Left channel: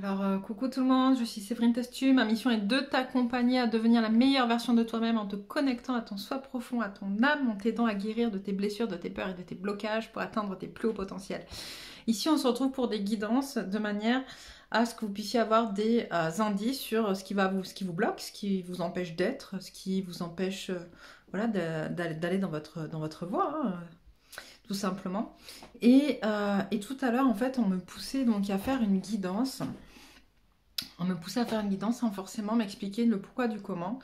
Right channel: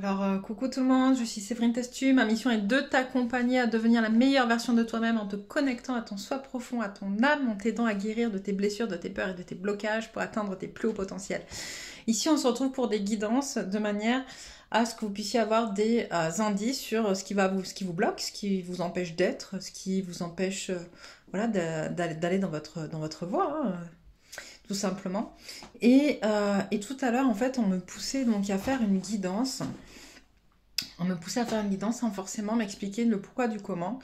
Alors, coucou tout le monde, je suis Séverine Testu. Ma mission est de t'accompagner à devenir la meilleure version de toi-même en te connectant à ton soi profond, à ton âme, en t'aidant à guérir de tes blessures, de tes peurs et de tes blocages pour atteindre tes plus hauts potentiels. Ici, on se retrouve pour des guidances de manière à ce que vous puissiez avoir des indices sur ce qui vous bloque, ce qui vous empêche d'être, ce qui vous empêche voilà, d'aller dans votre voie. Hein, tout simplement. Et tout à l'heure, en fait, on me poussait donc à faire une guidance. On me poussait à faire une guidance sans forcément m'expliquer le pourquoi du comment.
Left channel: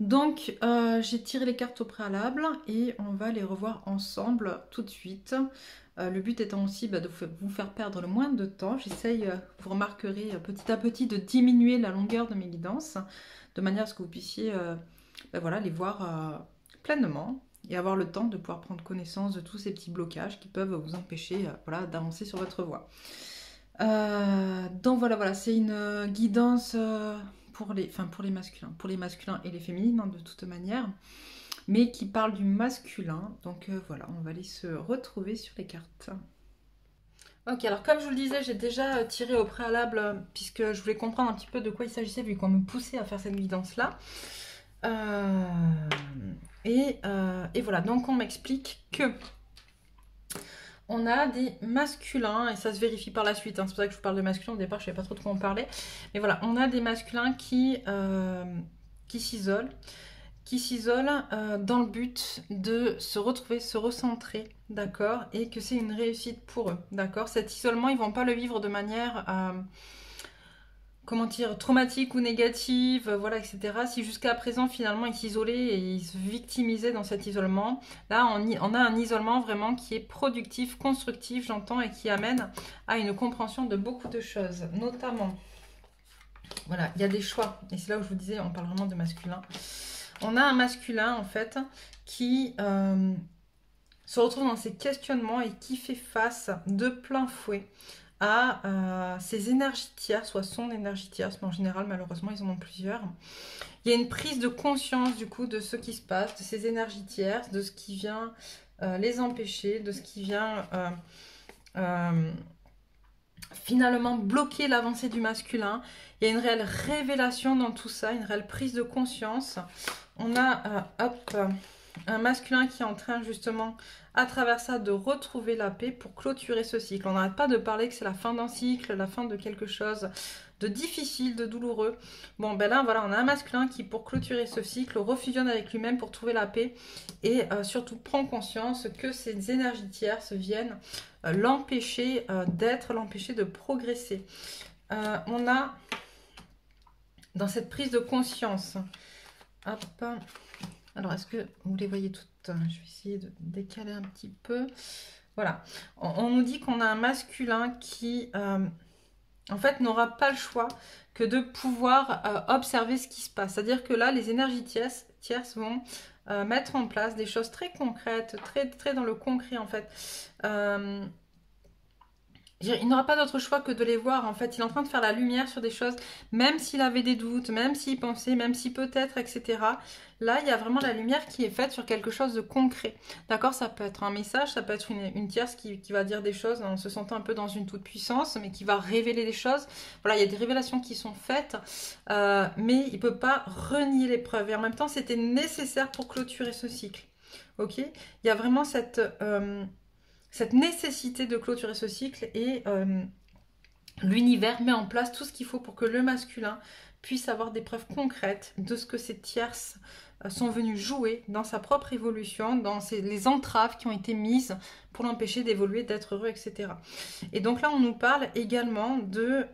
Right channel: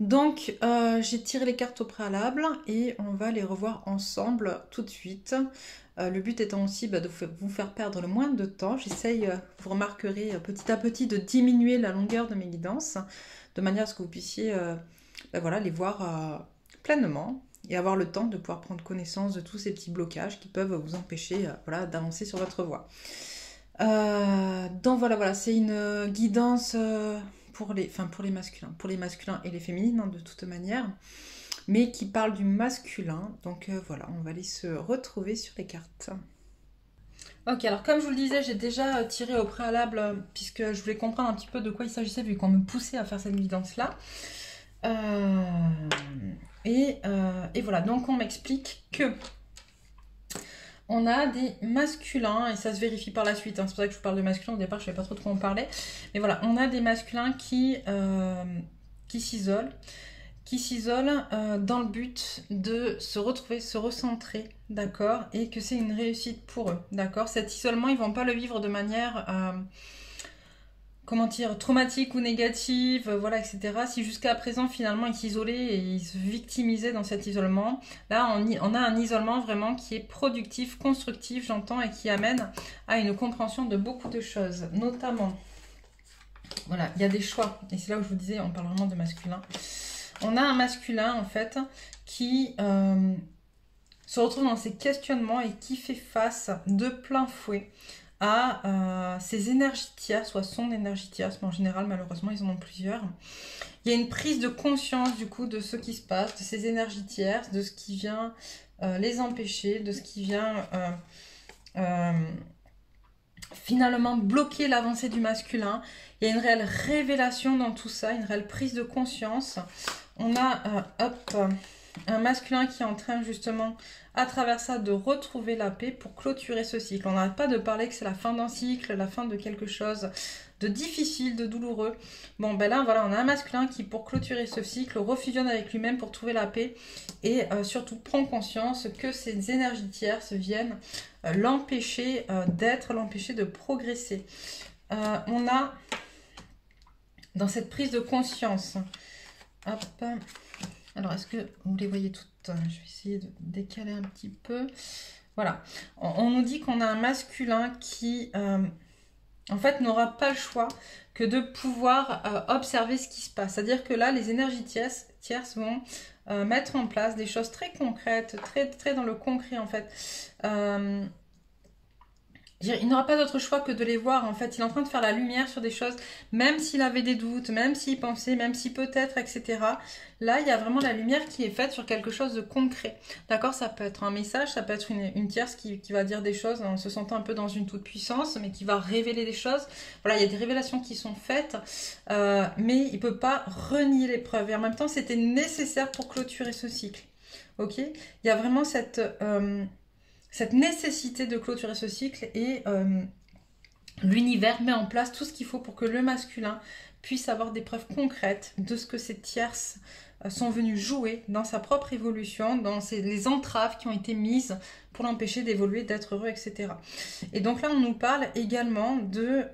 Donc, j'ai tiré les cartes au préalable et on va les revoir ensemble tout de suite. Le but étant aussi de vous faire perdre le moins de temps. J'essaye, vous remarquerez petit à petit, de diminuer la longueur de mes guidances, de manière à ce que vous puissiez voilà, les voir pleinement et avoir le temps de pouvoir prendre connaissance de tous ces petits blocages qui peuvent vous empêcher voilà, d'avancer sur votre voie. Donc voilà, c'est une guidance pour les masculins et les féminines hein, de toute manière, mais qui parle du masculin. Donc voilà, on va aller se retrouver sur les cartes. Ok, alors comme je vous le disais, j'ai déjà tiré au préalable puisque je voulais comprendre un petit peu de quoi il s'agissait vu qu'on me poussait à faire cette guidance-là. Et voilà, donc on m'explique que on a des masculins, et ça se vérifie par la suite, hein, c'est pour ça que je vous parle de masculins, au départ je ne savais pas trop de quoi on parlait, mais voilà, on a des masculins qui s'isolent dans le but de se retrouver, se recentrer, d'accord, et que c'est une réussite pour eux, d'accord. Cet isolement, ils ne vont pas le vivre de manière comment dire, traumatique ou négative, voilà, etc. Si jusqu'à présent, finalement, ils s'isolaient et ils se victimisaient dans cet isolement, là, on a un isolement vraiment qui est productif, constructif, j'entends, et qui amène à une compréhension de beaucoup de choses, notamment, voilà, il y a des choix, et c'est là où je vous disais, on parle vraiment de masculin. On a un masculin, en fait, qui se retrouve dans ses questionnements et qui fait face de plein fouet à ses énergies tierces, soit son énergie tierce, mais en général, malheureusement, ils en ont plusieurs. Il y a une prise de conscience, du coup, de ce qui se passe, de ces énergies tierces, de ce qui vient les empêcher, de ce qui vient finalement bloquer l'avancée du masculin. Il y a une réelle révélation dans tout ça, une réelle prise de conscience. On a, un masculin qui est en train, justement, à travers ça, de retrouver la paix pour clôturer ce cycle. On n'arrête pas de parler que c'est la fin d'un cycle, la fin de quelque chose de difficile, de douloureux. Bon, ben là, voilà, on a un masculin qui, pour clôturer ce cycle, refusionne avec lui-même pour trouver la paix et surtout prend conscience que ces énergies tierces viennent l'empêcher d'être, l'empêcher de progresser. On a, dans cette prise de conscience, hop, alors est-ce que vous les voyez toutes? Je vais essayer de décaler un petit peu. Voilà, on nous dit qu'on a un masculin qui, en fait, n'aura pas le choix que de pouvoir observer ce qui se passe. C'est-à-dire que là, les énergies tierces vont mettre en place des choses très concrètes, très dans le concret, en fait. Il n'aura pas d'autre choix que de les voir, en fait. Il est en train de faire la lumière sur des choses, même s'il avait des doutes, même s'il pensait, même si peut-être, etc. Là, il y a vraiment la lumière qui est faite sur quelque chose de concret. D'accord? Ça peut être un message, ça peut être une tierce qui va dire des choses en se sentant un peu dans une toute-puissance, mais qui va révéler des choses. Voilà, il y a des révélations qui sont faites, mais il ne peut pas renier les preuves. Et en même temps, c'était nécessaire pour clôturer ce cycle. Ok? Il y a vraiment cette nécessité de clôturer ce cycle et l'univers met en place tout ce qu'il faut pour que le masculin puisse avoir des preuves concrètes de ce que ces tierces sont venues jouer dans sa propre évolution, dans les entraves qui ont été mises pour l'empêcher d'évoluer, d'être heureux, etc. Et donc là, on nous parle également de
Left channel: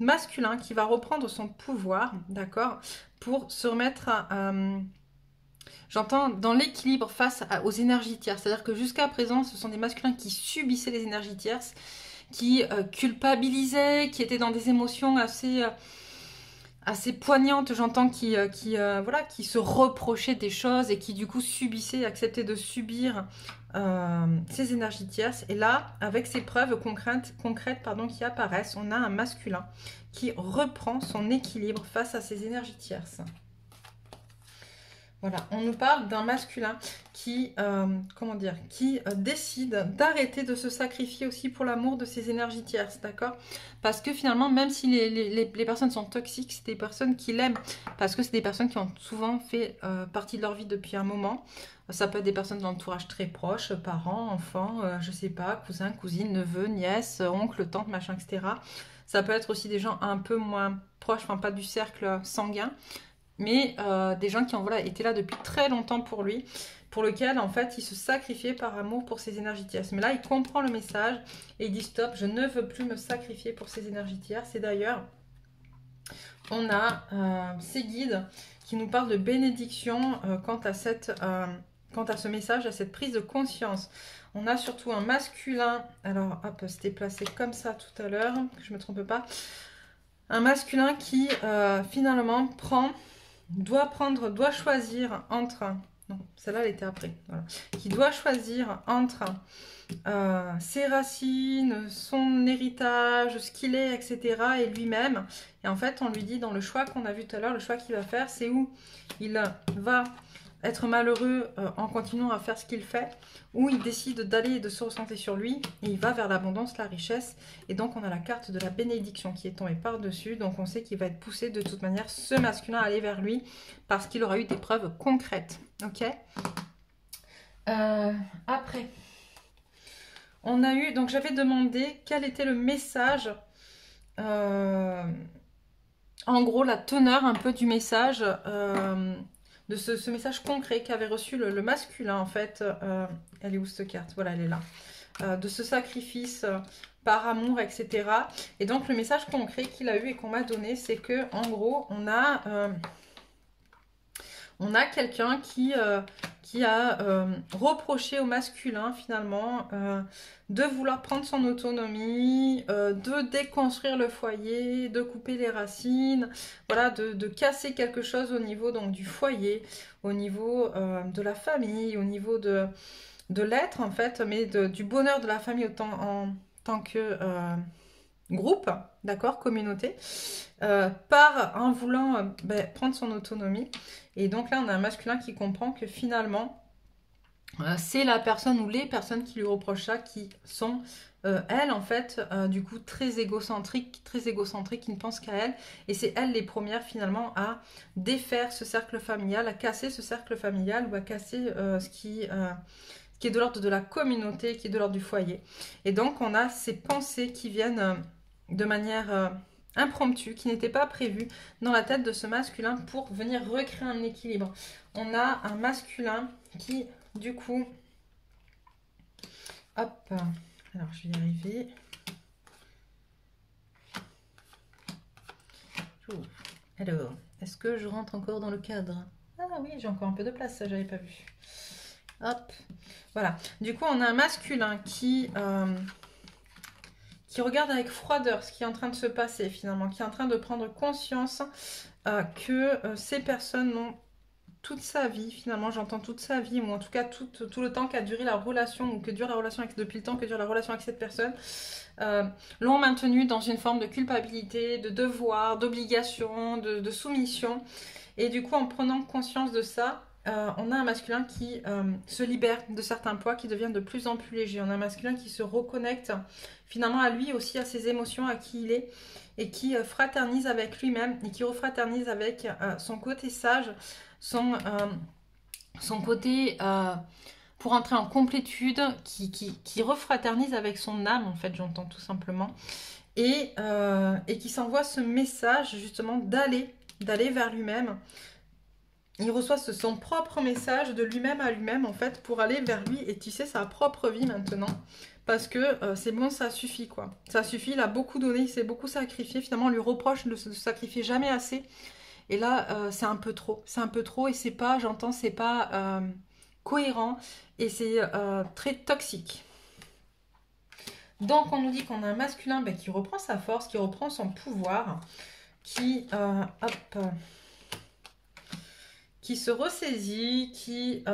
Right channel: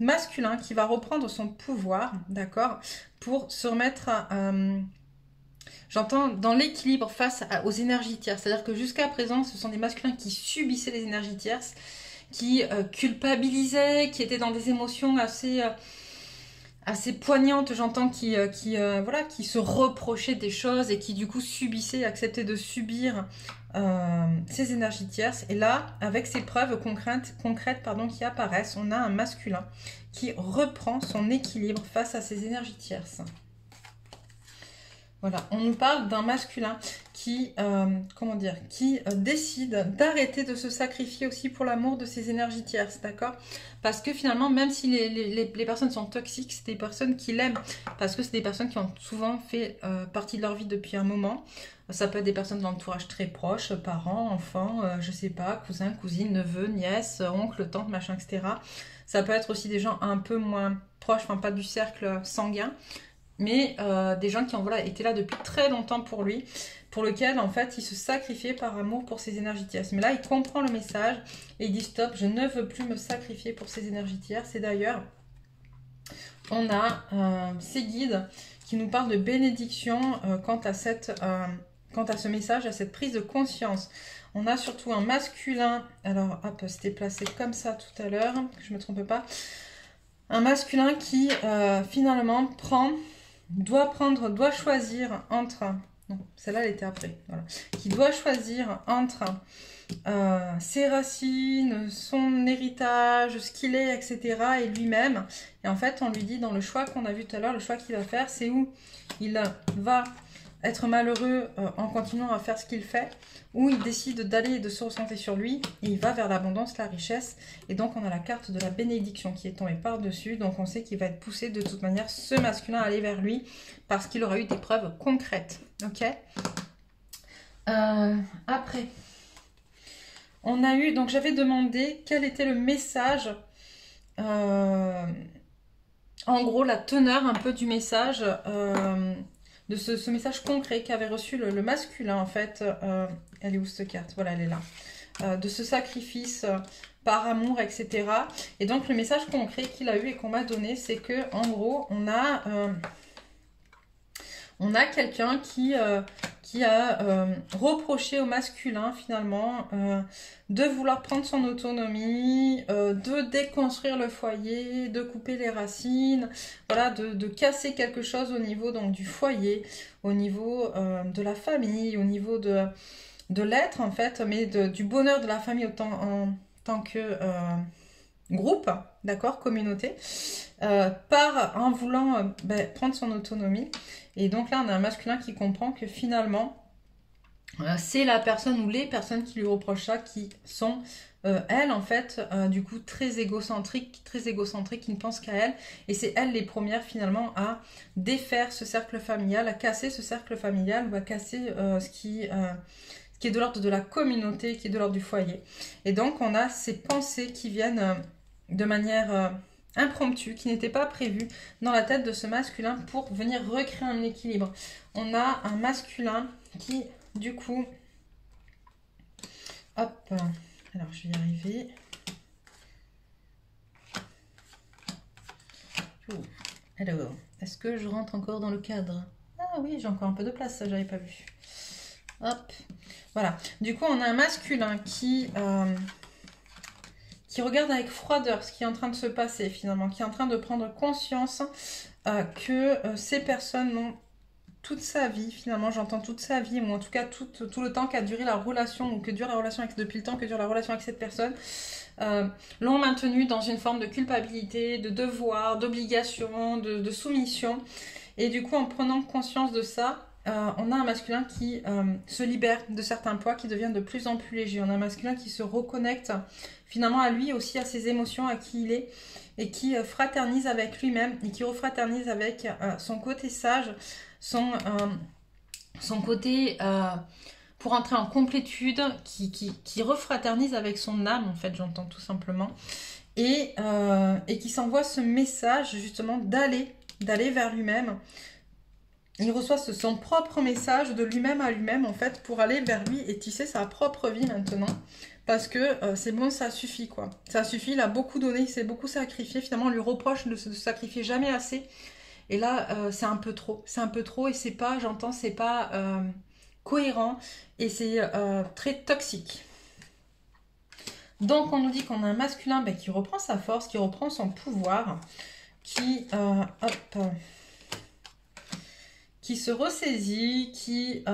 masculin qui va reprendre son pouvoir, d'accord, pour se remettre à... j'entends dans l'équilibre face aux énergies tierces. C'est-à-dire que jusqu'à présent, ce sont des masculins qui subissaient les énergies tierces, qui culpabilisaient, qui étaient dans des émotions assez poignantes. J'entends qui se reprochaient des choses et qui du coup subissaient, acceptaient de subir ces énergies tierces. Et là, avec ces preuves concrètes qui apparaissent, on a un masculin qui reprend son équilibre face à ces énergies tierces. Voilà, on nous parle d'un masculin qui, comment dire, qui décide d'arrêter de se sacrifier aussi pour l'amour de ses énergies tierces, d'accord? Parce que finalement, même si les personnes sont toxiques, c'est des personnes qui l'aiment, parce que c'est des personnes qui ont souvent fait partie de leur vie depuis un moment. Ça peut être des personnes d'entourage très proche, parents, enfants, je sais pas, cousins, cousines, neveux, nièces, oncles, tantes, machin, etc. Ça peut être aussi des gens un peu moins proches, enfin pas du cercle sanguin, mais des gens qui ont voilà, été là depuis très longtemps pour lui, pour lequel en fait il se sacrifiait par amour pour ses énergies tierces. Mais là il comprend le message et il dit stop, je ne veux plus me sacrifier pour ses énergies tierces. Et d'ailleurs on a ces guides qui nous parlent de bénédiction quant à ce message, à cette prise de conscience. On a surtout un masculin, alors hop, c'était placé comme ça tout à l'heure, que je ne me trompe pas, un masculin qui finalement doit choisir entre, non, celle-là elle était après, voilà, qui doit choisir entre ses racines, son héritage, ce qu'il est, etc. et lui-même. Et en fait, on lui dit dans le choix qu'on a vu tout à l'heure, le choix qu'il va faire, c'est où il va être malheureux en continuant à faire ce qu'il fait, où il décide d'aller et de se recentrer sur lui, et il va vers l'abondance, la richesse, et donc on a la carte de la bénédiction qui est tombée par-dessus, donc on sait qu'il va être poussé de toute manière, ce masculin, à aller vers lui, parce qu'il aura eu des preuves concrètes, ok. Après, on a eu, donc j'avais demandé quel était le message, en gros la teneur un peu du message, de ce message concret qu'avait reçu le masculin en fait. Elle est où cette carte? Voilà, elle est là. De ce sacrifice par amour, etc. Et donc le message concret qu'il a eu et qu'on m'a donné, c'est que en gros on a quelqu'un qui a reproché au masculin finalement de vouloir prendre son autonomie, de déconstruire le foyer, de couper les racines, voilà, de casser quelque chose au niveau donc du foyer, au niveau de la famille, au niveau de l'être en fait, mais du bonheur de la famille en tant que groupe, d'accord, communauté, en voulant prendre son autonomie. Et donc là, on a un masculin qui comprend que finalement, c'est la personne ou les personnes qui lui reprochent ça, qui sont, elles, en fait, du coup, très égocentriques, qui ne pensent qu'à elles. Et c'est elles les premières, finalement, à défaire ce cercle familial, à casser ce cercle familial ou à casser ce qui est de l'ordre de la communauté, qui est de l'ordre du foyer. Et donc, on a ces pensées qui viennent de manière impromptue, qui n'étaient pas prévues dans la tête de ce masculin pour venir recréer un équilibre. On a un masculin qui, du coup, hop, alors je vais y arriver. Alors, est-ce que je rentre encore dans le cadre? Ah oui, j'ai encore un peu de place, ça j'avais pas vu. Hop, voilà. Du coup, on a un masculin qui regarde avec froideur ce qui est en train de se passer finalement, qui est en train de prendre conscience que ces personnes ont toute sa vie, finalement, j'entends toute sa vie, ou en tout cas tout le temps qu'a duré la relation, ou que dure la relation depuis le temps que dure la relation avec cette personne, l'ont maintenu dans une forme de culpabilité, de devoir, d'obligation, de soumission. Et du coup, en prenant conscience de ça, on a un masculin qui se libère de certains poids, qui devient de plus en plus léger. On a un masculin qui se reconnecte finalement à lui aussi, à ses émotions, à qui il est, et qui fraternise avec lui-même, et qui refraternise avec son côté sage, son côté pour entrer en complétude, qui refraternise avec son âme, en fait, j'entends tout simplement, et qui s'envoie ce message justement d'aller vers lui-même. Il reçoit son propre message de lui-même à lui-même, en fait, pour aller vers lui et tisser sa propre vie maintenant. Parce que c'est bon, ça suffit, quoi. Ça suffit, il a beaucoup donné, il s'est beaucoup sacrifié. Finalement, on lui reproche de se sacrifier jamais assez. Et là, c'est un peu trop. C'est un peu trop et c'est pas, j'entends, c'est pas cohérent. Et c'est très toxique. Donc, on nous dit qu'on a un masculin qui reprend sa force, qui reprend son pouvoir, qui se ressaisit, qui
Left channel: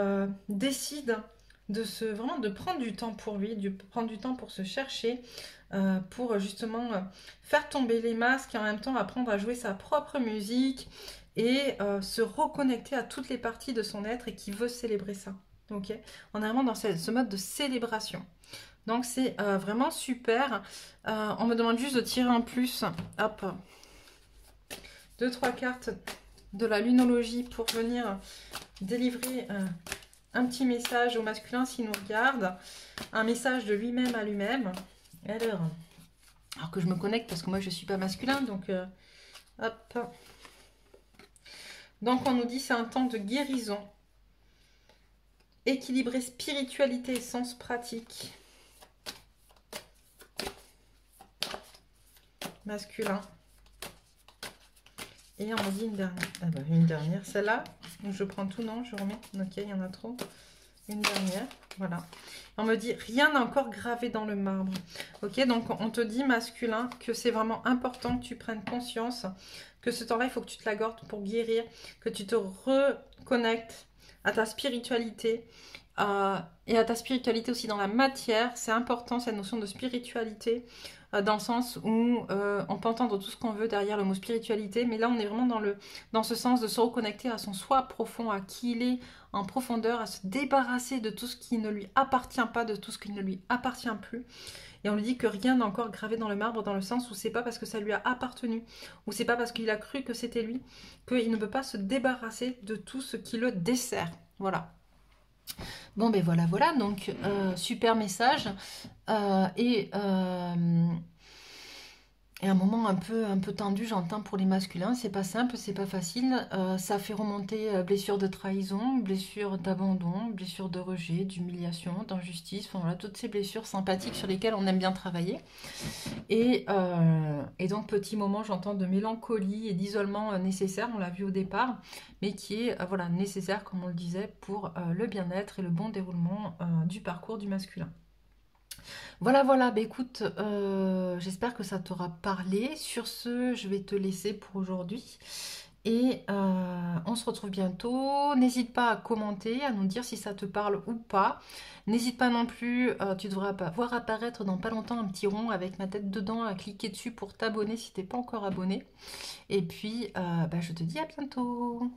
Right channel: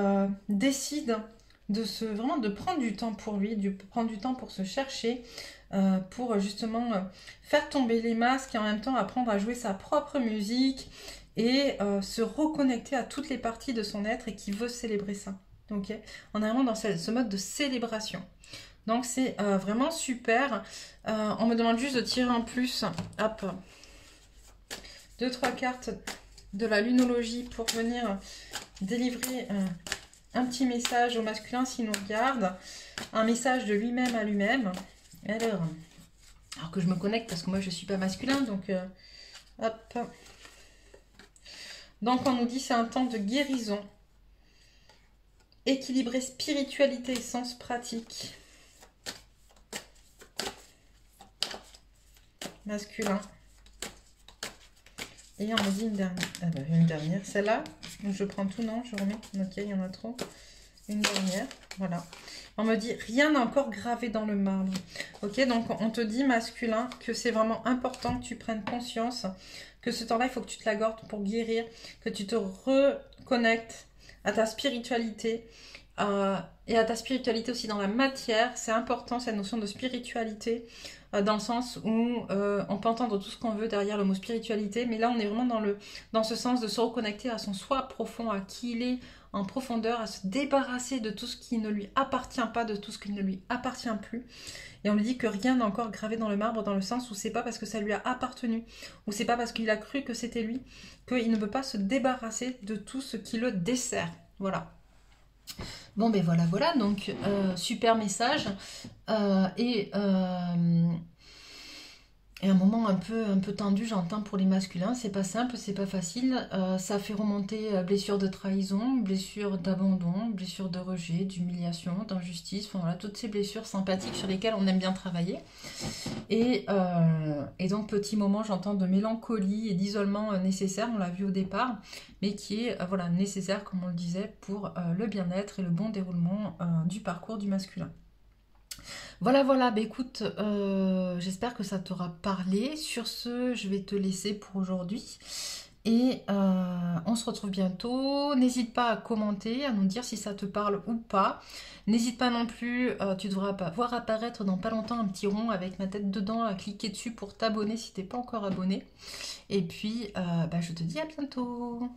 décide vraiment de prendre du temps pour lui, de prendre du temps pour se chercher, pour justement faire tomber les masques et en même temps apprendre à jouer sa propre musique et se reconnecter à toutes les parties de son être et qui veut célébrer ça. Ok, on est vraiment dans ce mode de célébration. Donc c'est vraiment super. On me demande juste de tirer en plus, hop, 2-3 cartes de la lunologie pour venir délivrer un petit message au masculin s'il nous regarde. Un message de lui-même à lui-même. Alors que je me connecte parce que moi je ne suis pas masculin, donc hop. Donc on nous dit c'est un temps de guérison. Équilibrer spiritualité et sens pratique. Masculin. Et on me dit une dernière. Ah bah, une dernière. Celle-là, je prends tout, non, je remets. Ok, il y en a trop. Une dernière. Voilà. On me dit rien n'est encore gravé dans le marbre. Ok, donc on te dit masculin que c'est vraiment important que tu prennes conscience que ce temps-là, il faut que tu te l'accordes pour guérir, que tu te reconnectes à ta spiritualité et à ta spiritualité aussi dans la matière. C'est important cette notion de spiritualité dans le sens où on peut entendre tout ce qu'on veut derrière le mot spiritualité, mais là on est vraiment dans ce sens de se reconnecter à son soi profond, à qui il est en profondeur, à se débarrasser de tout ce qui ne lui appartient pas, de tout ce qui ne lui appartient plus. Et on lui dit que rien n'est encore gravé dans le marbre, dans le sens où c'est pas parce que ça lui a appartenu, ou c'est pas parce qu'il a cru que c'était lui, qu'il ne peut pas se débarrasser de tout ce qui le dessert. Voilà. Bon ben voilà, donc super message. Et un moment un peu tendu, j'entends, pour les masculins. C'est pas simple, c'est pas facile. Ça fait remonter blessures de trahison, blessures d'abandon, blessures de rejet, d'humiliation, d'injustice. Enfin voilà, toutes ces blessures sympathiques sur lesquelles on aime bien travailler. Et donc, petit moment, j'entends de mélancolie et d'isolement nécessaire, on l'a vu au départ, mais qui est voilà, nécessaire, comme on le disait, pour le bien-être et le bon déroulement du parcours du masculin. Voilà, bah écoute, j'espère que ça t'aura parlé. Sur ce, je vais te laisser pour aujourd'hui. Et on se retrouve bientôt. N'hésite pas à commenter, à nous dire si ça te parle ou pas. N'hésite pas non plus, tu devras voir apparaître dans pas longtemps un petit rond avec ma tête dedans, à cliquer dessus pour t'abonner si t'es pas encore abonné. Et puis, je te dis à bientôt.